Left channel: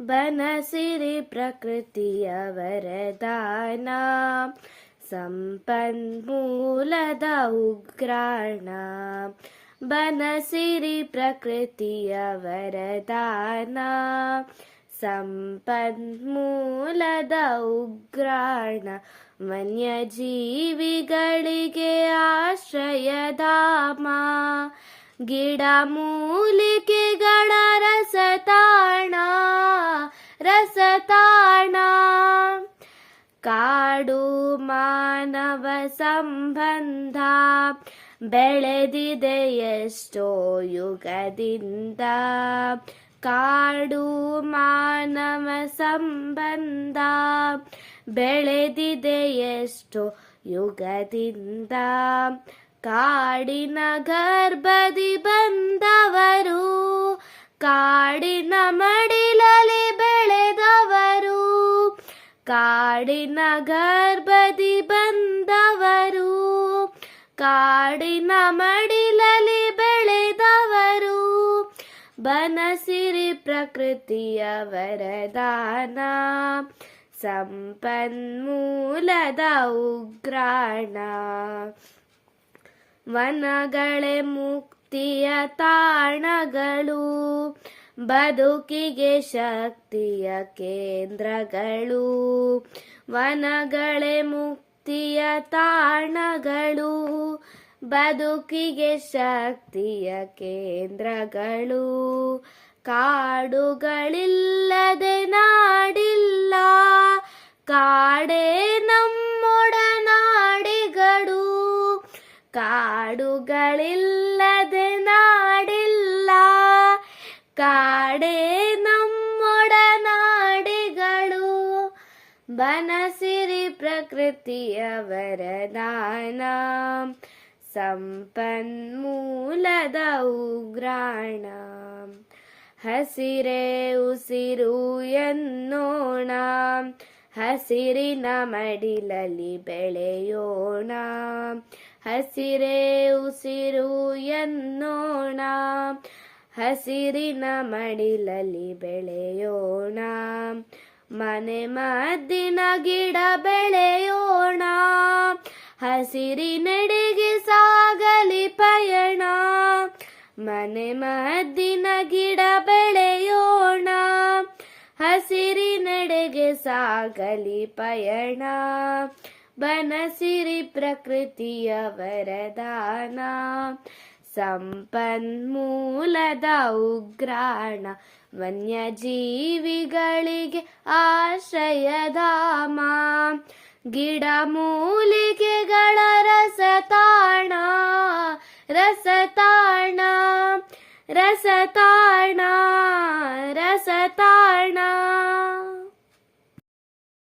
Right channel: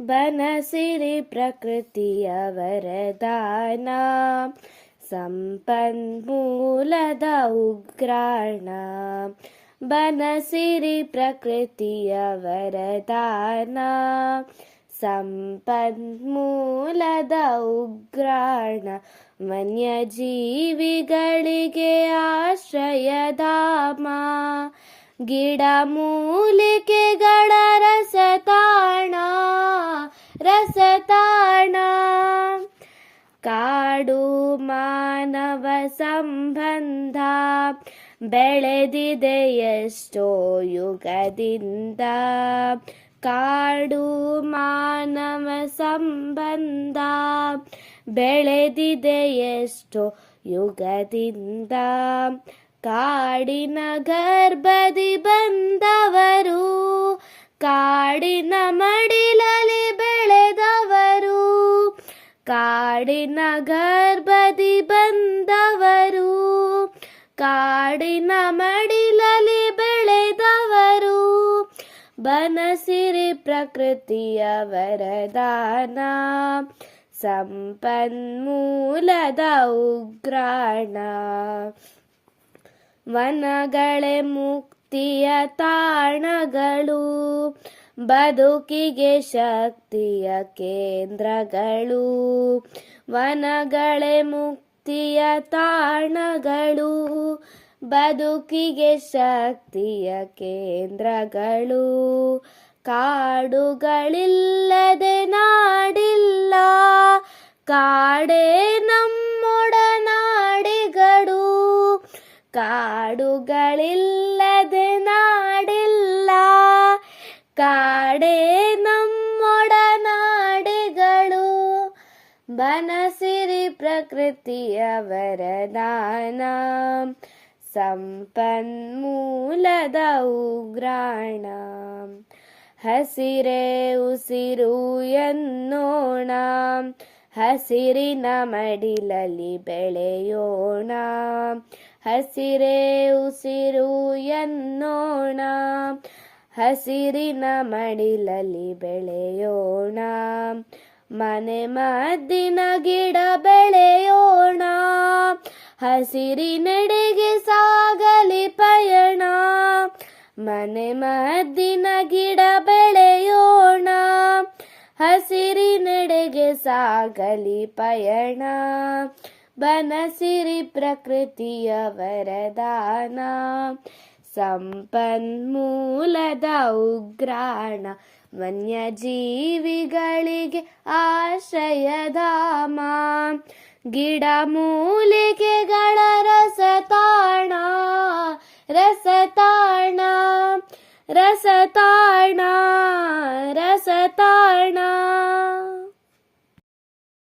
ಬನಸಿರಿ ಪ್ರಕೃತಿಯ ವರದಾನ, ಸಂಪನ್ಮೂಲದ ಉಗ್ರಾಣ. ಬನಸಿರಿ ಪ್ರಕೃತಿಯ ವರದಾನ, ಸಂಪನ್ಮೂಲದ ಉಗ್ರಾಣ. ವನ್ಯಜೀವಿಗಳಿಗೆ ಆಶ್ರಯಧಾಮ, ಗಿಡ ಮೂಲಿಕೆಗಳ ರಸತಾಣ, ರಸತಾಣ. ಕಾಡು ಮಾನವ ಸಂಬಂಧ ಬೆಳೆದಿದೆ ಎಷ್ಟೋ ಯುಗದಿಂದ. ಕಾಡು ಮಾನವ ಸಂಬಂಧ ಬೆಳೆದಿದೆ ಎಷ್ಟೋ ಯುಗದಿಂದ. ಕಾಡಿನ ಗರ್ಭದಿ ಬಂದವರು, ಕಾಡಿನ ಮಡಿಲಲ್ಲಿ ಬೆಳೆದವರು. ಕಾಡಿನ ಗರ್ಭದಿ ಬಂದವರು, ಕಾಡಿನ ಮಡಿಲಲ್ಲಿ ಬೆಳೆದವರು. ಬನಸಿರಿ ಪ್ರಕೃತಿಯ ವರದಾನ, ಸಂಪನ್ಮೂಲದ ಉಗ್ರಾಣ. ವನಗಳೇ ಮುಕ್ತಿಯ ತಾಣಗಳು, ಬದುಕಿಗೆ ಶಕ್ತಿಯ ಕೇಂದ್ರಗಳು. ವನಗಳೇ ಮುಕ್ತಿಯ ತಾಣಗಳು, ಬದುಕಿಗೆ ಶಕ್ತಿಯ ಕೇಂದ್ರಗಳು. ಕಾಡುಗಳಿಲ್ಲದೆ ನಾಡಿಲ್ಲ, ಕಾಡೇ ನಮ್ಮೊಡನಾಡಿಗಳು. ಕಾಡುಗಳಿಲ್ಲದೆ ನಾಡಿಲ್ಲ, ಕಾಡೇ ನಮ್ಮೊಡನಾಡಿಗಳು. ಬನಸಿರಿ ಪ್ರಕೃತಿಯ ವರದಾನ, ಸಂಪನ್ಮೂಲದ ಉಗ್ರಾಣ. ಹಸಿರೇ ಉಸಿರು ಎನ್ನೋಣ, ಹಸಿರಿನ ಮಡಿಲಲ್ಲಿ ಬೆಳೆಯೋಣ. ಹಸಿರೇ ಉಸಿರು ಎನ್ನೋಣ, ಹಸಿರಿನ ಮಡಿಲಲ್ಲಿ ಬೆಳೆಯೋಣ. ಮನೆ ಮದ್ದಿನ ಗಿಡ ಬೆಳೆಯೋಣ, ಹಸಿರಿನೆಡೆಗೆ ಸಾಗಲಿ ಪಯಣ. ಮನೆ ಮದ್ದಿನ ಗಿಡ ಬೆಳೆಯೋಣ, ಹಸಿರಿನೆಡೆಗೆ ಸಾಗಲಿ ಪಯಣ. ಬನಸಿರಿ ಪ್ರಕೃತಿಯ ವರದಾನ, ಸಂಪನ್ಮೂಲದ ಉಗ್ರಾಣ. ವನ್ಯಜೀವಿಗಳಿಗೆ ಆಶ್ರಯಧಾಮ, ಗಿಡ ಮೂಲಿಕೆಗಳ ರಸತಾಣ, ರಸತಾಣ, ರಸತಾಣ.